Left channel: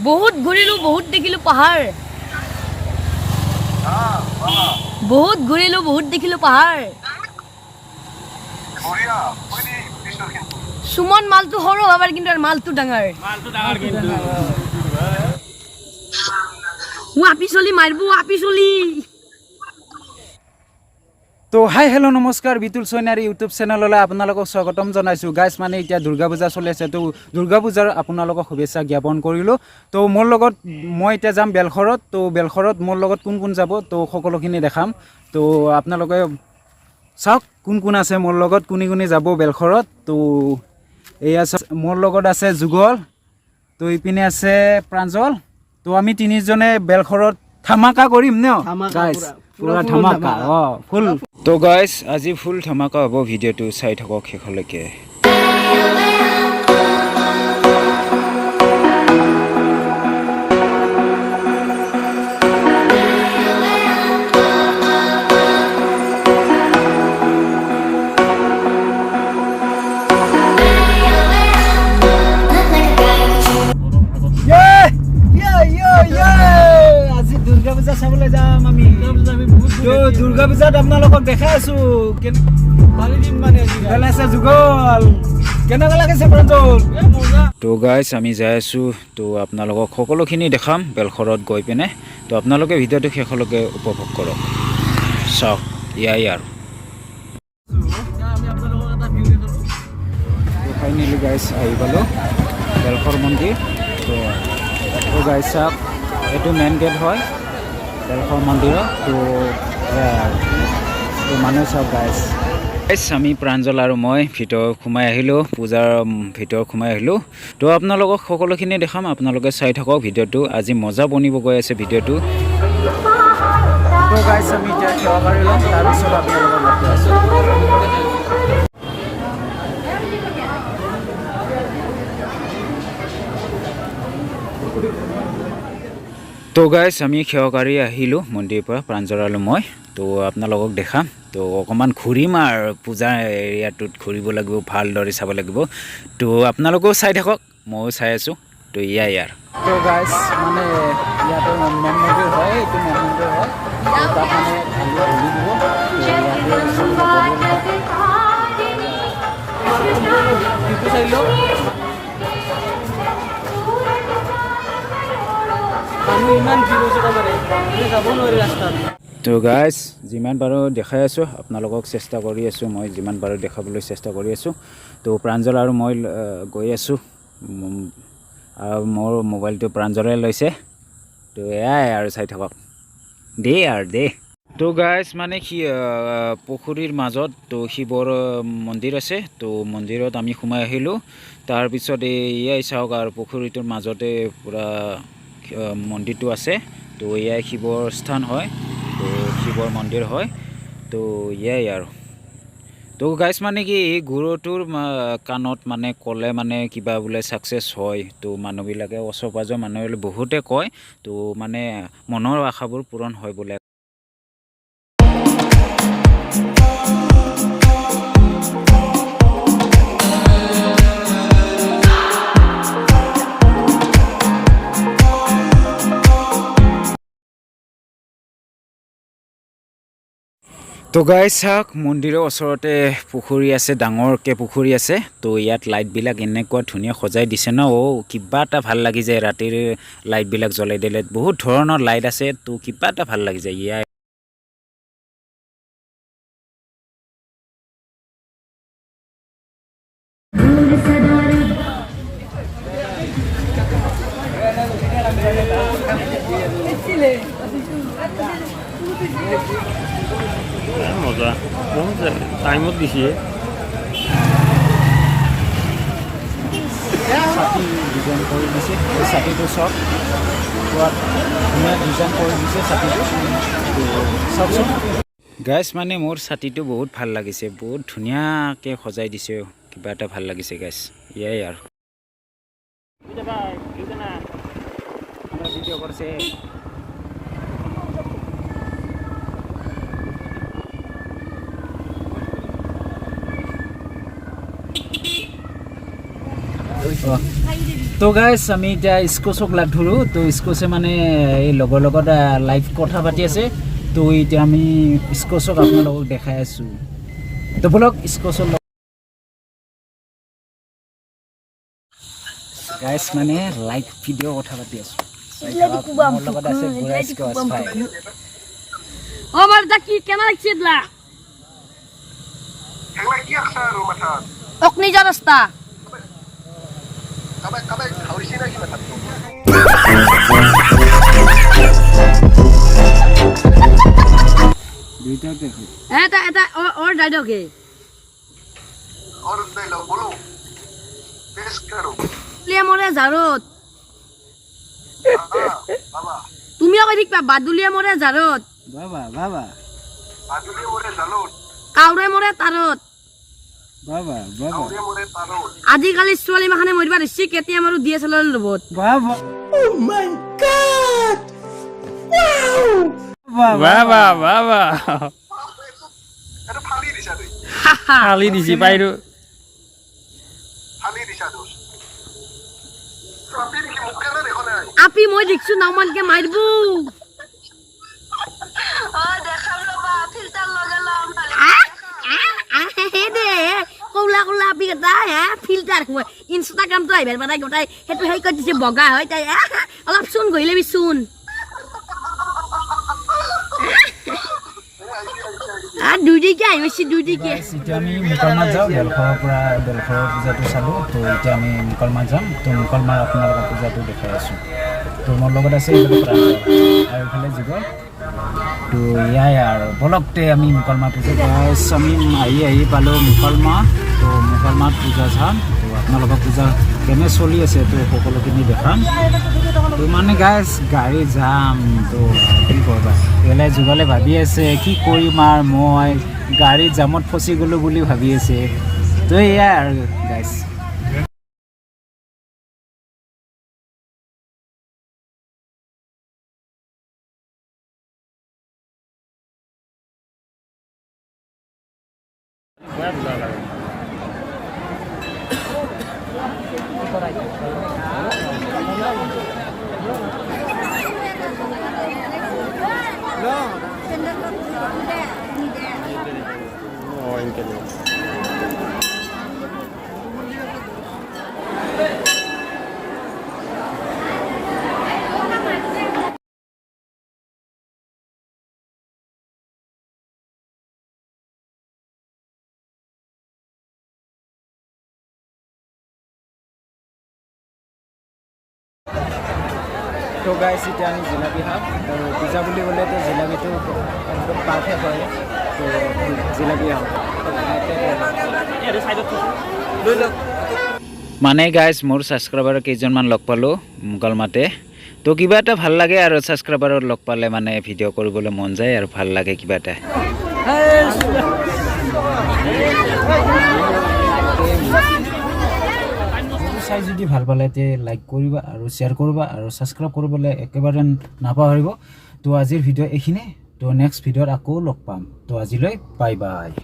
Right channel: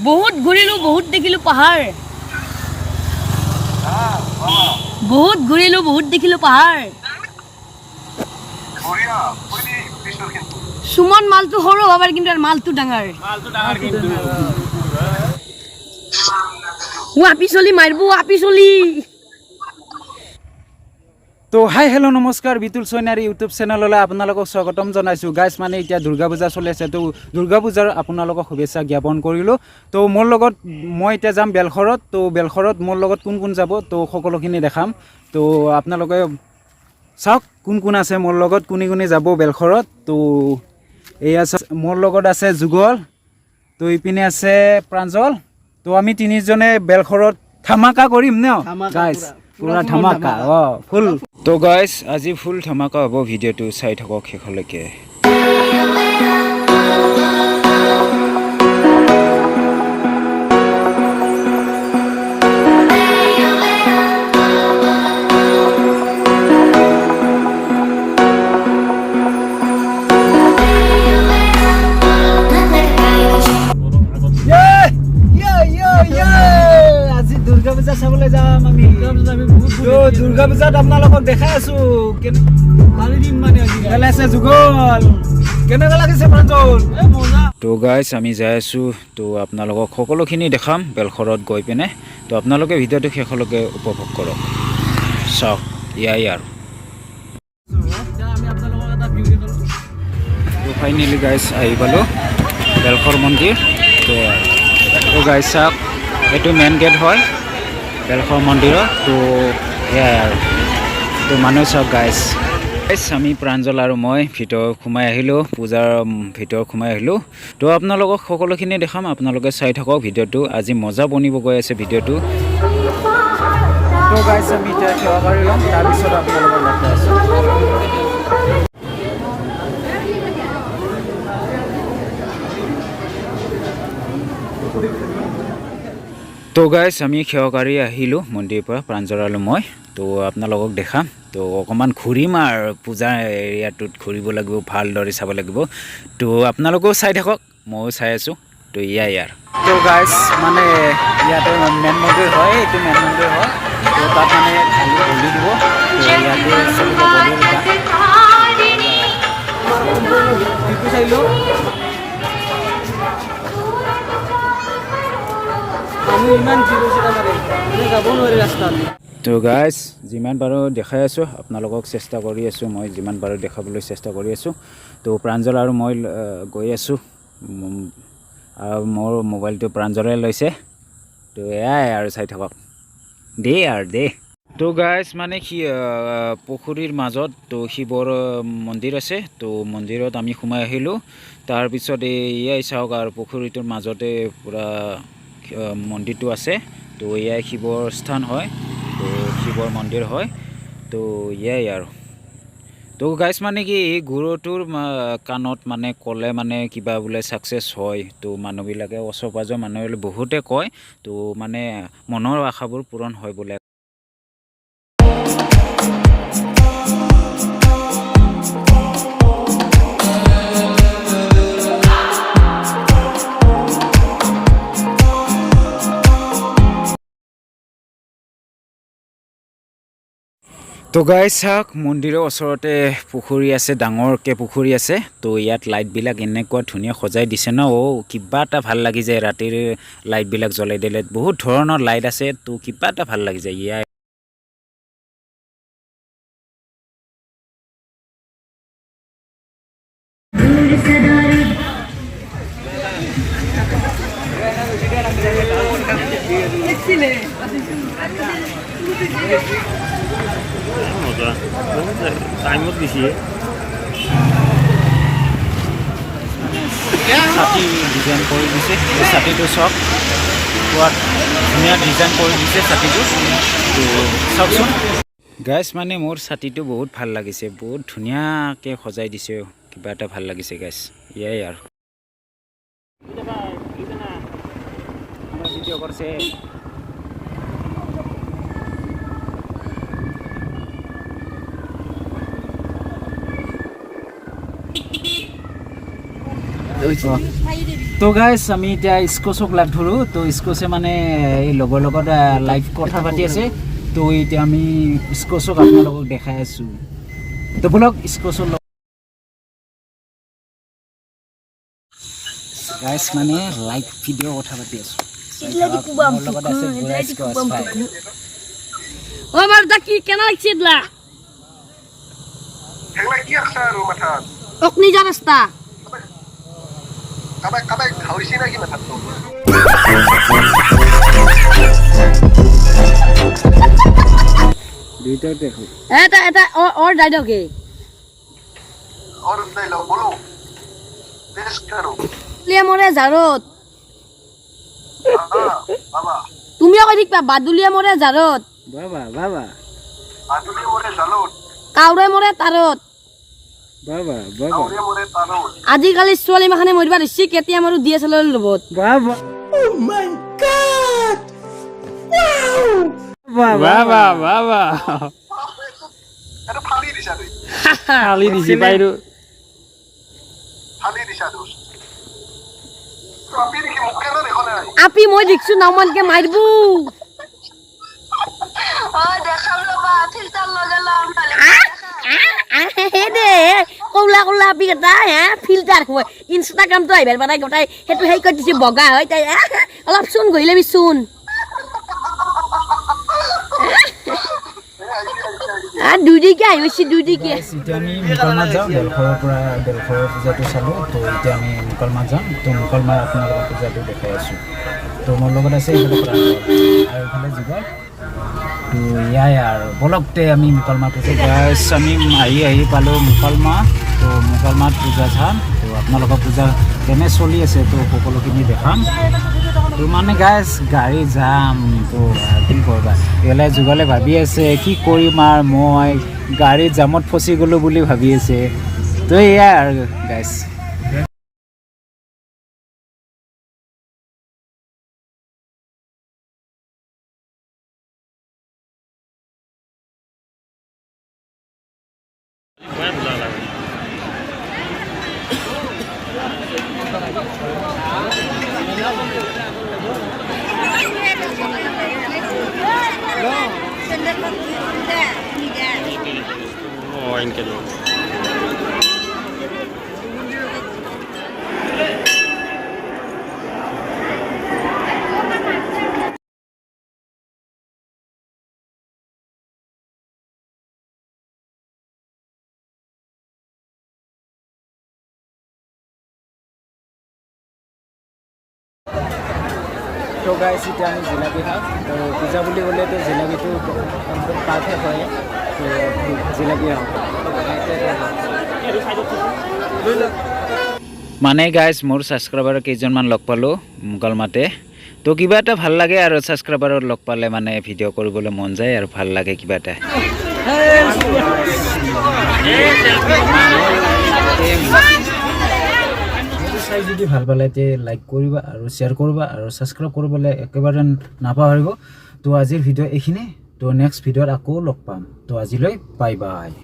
বহুত ঘূৰিলো বহুত দেখিলো পাহাৰ বহুত ঘূৰিলো বহুত দেখিলো পাহাৰ সুমন মালটো সৰু হবাৰ কিন্তু মালটো ডাঙৰ আপি চলি মাৰবো আপি চলি তো হাই হেল্ল' নমস্কাৰ বিতুলচাইনাৰী ইউটিউব চেনেললৈ আপোনালোকক স্বাগতম জনাইছোঁ গাইজ মানে এতিয়া দুৰ্গা পূজা চলি আছে তো দুৰ্গা পূজাৰ আপোনালোকক শুভেচ্ছা জ্ঞাপন কৰিলোঁ তো মোৰ লগত মই এতিয়া যাম বেলশৰত তো বেলশৰত মোৰ লগত কোন কোন যাব তো সকলোখিনি দেখাম তো আপোনালোকে চাওক কোন কোন আছে মোৰ লগত কোনি কোনি যাব বেলশৰত তো এয়া মোৰ লগত আছে যুগল তো ইপিনে আছে প্ৰাঞ্জল তো আমি তিনিজনে বেলশৰত ধামাকা কৰিম ন গাইজ পুৰা ধামাকা ফুল তো গাইজ আজি ফুল ধামাকা হ'ব ভিডিঅ'টো চাই থাকক শেষলৈকে আজি দুৰ্গা পূজা চাবলৈ যাম আমি দুৰ্গা পূজাত আপোনালোকক দেখাই আছো যুগল কেনেকুৱা লাগিছে তো গাইজ আমি যাই আছো তো আপোনালোকক সকলোখিনি দেখাম বেলশৰত গৈ পিনে তো আপোনালোকে ভিডিঅ'টো শেষলৈকে উপভোগ কৰক চাওক ইয়াই আৰু তো ফাইনেলি গাইজ আহি পালোঁ বেলশৰ মন্দিৰ তো গাইজ চাওক এইটো মেইন গেট হয় বেলশৰ মন্দিৰত তো এয়াই আৰু তো মানুহ চাওক গাইজ আমি প্ৰাঞ্জল আৰু মই ভিতৰত সোমাই আহিলোঁ পূজাৰ ভিতৰত সোমাই আহিলোঁ তো আপোনালোকক সকলোখিনি দেখাম আপোনালোকে চাই থাকক ভিডিঅ'টো আজি মজা বনিব গৈ আছে ভিডিঅ'টো তো গাইজ আমি এতিয়া সেৱা কৰি ল'ম তাৰপিছত আপোনালোকৰ লগ পাই আছোঁ তো গাইজ আমি সেৱাকাৰী আহিলোঁ মন্দিৰৰ পৰা প্ৰাঞ্জল আৰু মই তো আপোনালোকক দেখাম তো অকণমান ঘূৰিম আৰু পূজা এৰিয়াটোত ঘূৰিব লাগিব ভালদৰে চাব লাগিব তো আপোনালোকেও চাই থাকক ময়ো চাই আছোঁ তো ইয়াই আৰু তো গাইজ মানে ইয়াতে মেইন মন্দিৰ হয় এইটো মেইন মন্দিৰ হয় তো তাত মানে খালি বলি দিব তো ইয়াতে চলিব বলি আমাৰ সম্পূৰ্ণ ভিডিঅ'টো চাই লওক তো গাইজ যিমান পাৰোঁ দেখাই আছোঁ আপোনালোকক চেষ্টা কৰি আছোঁ মই যিমান পাৰোঁ দেখাবলৈ চেষ্টা কৰি আছোঁ তো প্ৰাঞ্জল আৰু মই গৈ আছোঁ আৰু মোৰ মোবাইলটো প্ৰাঞ্জলে লৈছে তো এয়াই আৰু চাই থাকক দে তো গাইজ মানে পুখুৰীৰ মাজত তো শিৱৰ মন্দিৰ আছে তো মন্দিৰত আমি সোমাই আহিলোঁ তাৰপিছত এয়াই চাওক আৰু পুখুৰীটোৰ মাজতে পূৰা মন্দিৰটো আছে তো এয়াই শিৱৰ স্থান হয় তো শিৱৰ মন্দিৰ হয় তো এয়াই আৰু তো গাইজ মানে কি এই গুৰুটোৰ কাণত মানে ক'লে মানে কিবা বোলে ছাকচেছ হয় তো মানুহবিলাকে ওচৰ পাজৰ মানুহে বহুতে কয় তো মানে মনৰ আশাবোৰ পূৰণ হয় বোলে তো গাইজ চাওক মন্দিৰৰ ওচৰতে পুখুৰী আছে ডাঙৰকৈ পুখুৰী আছে তো ইয়াত লাইটবিলাক এনেকুৱা ধুনীয়া সজাই দিছে ন কিবা এটা ভাল লাগি যায় ৰাতিৰ লাইটবিলাক জ্বলাই দিলে বহুত ধৰণৰ লাইট আছে তো কিবা এটা ভাল লাগি যায় ইয়াৰ মজা টাইমত দিছে ছাতি ডিজাইন কৰি দিছে এই ছাতিটো চব পোৱাত ধুনীয়া ডিজাইন কৰি দিছে ছাতিটো তো চাওকচোন গাইজ মানে মোৰ ছাতিটো বহুত ভাল লাগিছে বহুত ধুনীয়াকৈ সজাই দিছে কিবা এটা ভাল লাগিছে গাইজ ইয়াই আৰু আমৰা ভিডিও কৰছে ওই তো তো গাইজ আমি এতিয়া ইস্কছক লাগ ধৰোঁ তো ইস্কছে মানে এই লগৰ লগত লাইভ কথা পাতি আছে তো এতিয়া আমি ইস্কছক আপোনালোকক দেখাই আছোঁ তো বলক ইস্কছৰ গাইজ মানে লাইভ ভিডিঅ' কথা পাতি আছোঁ লগত আছে বুঢ়া ইস্কছ ভাই ও মারদা কি কেন লাগছিলা এগুলা কি আছে আৰু মাথাত অকনি যা রাস্তা কাবাই খাইছি নাকি মাথাত দুইটা দেখো এটা এটা ওর ডায়লগ হে और डायलॉग बोलो देश करो লিয়ে মরে জারত বাবা তুমিও কই দিবা বাদুলিয়া মরে জারত বাবা বাবা বাদুলি মরে জালত কাউরে মরে তারত বাবা কাউরে মরে তারত আজিকালি ছোৱালী মাখানে মৰিবা দিছি কেতিয়া মাৰো ডিএসএলআর লবত বাবা ও মাই গড বাবা বাবা এটা ফালি দিছা তুই খালি দিছি বাইৰো ফালি দিছা দোষ আপনি কি মুখ কেন দেখো না আপি মই দেখছো নামানকে মারবু ও দেখাল বাবা ফিল্টার লাগালাম হে দে কৌলা কৌলা আপি এটা ফিল্টার হয় ইনষ্টাগ্রাম তো আইবার বানাই গটাই হেতু হেই কৰি দিছে বগা হয় তাই অলপ চুন গইলে বি চুন দুদিকে আহিছে দুদিকে এতিয়া আমি মুকলমাত যাওঁ বেলখৰৰ পৰা বেলখৰৰ পূজাটো চালোঁ তো এতিয়া আমি মুকলমাত যাম তো মুকলমাৰ আপোনালোকৰ পূজাটো দেখাই আছোঁ তো মোৰ লগত আছে এইফালে প্ৰাঞ্জল আৰু এইফালে যুগল তো ইয়াই আৰু বলকতে আমি মুকলমাৰ পূজা গাইছ আমি আহি পালোঁ মুকলমা তো মুকলমাত পূজা চাম তো আপোনালোকৰ পূজা কেনে চলি আছে তো সকলোখিনি দেখাম তো মানে গাইছ গাড়ী যাম তো কি কৰিবা এলাই যুগলে ভাবি আছে কি কৰিম আৰু মই গাড়ীত জামত ফচি গ'লোঁ বুলি ভাবি আছে তো এয়াই আৰু গাইছ এনেকে লওঁ তো গাইছ এতিয়া আমি জিলাপি খাওঁ তো পূজা বুলি ক'লেতো জিলাপিটো একদম পাৰফেক্ট হয় তো জিলাপি খাওঁ মানে গাইজ মোৰ ছাবস্ক্ৰাইবাৰ কেইজনমান লগ পালোঁ মুকলমাতে তো কিবা এটা ভাল লাগে আৰু ছাবস্ক্ৰাইবাৰত লগ পালে মানে ভিডিঅ' কৰিবলৈ মন যায় আৰু ভাল লাগে কিবা এটা চাই যদি ভাল পালে তে লাইক কৰিবা আৰু শ্বেয়াৰ কৰিবা আৰু ছাবস্ক্ৰাইব কৰিবলৈ একেবাৰে নাপাহৰিব তো আজিৰ ভিডিঅ' এইখিনিয়ে তো নেক্সট ভিডিঅ'ত আকৌ লগ পাম তো আজিলৈ বাই বাই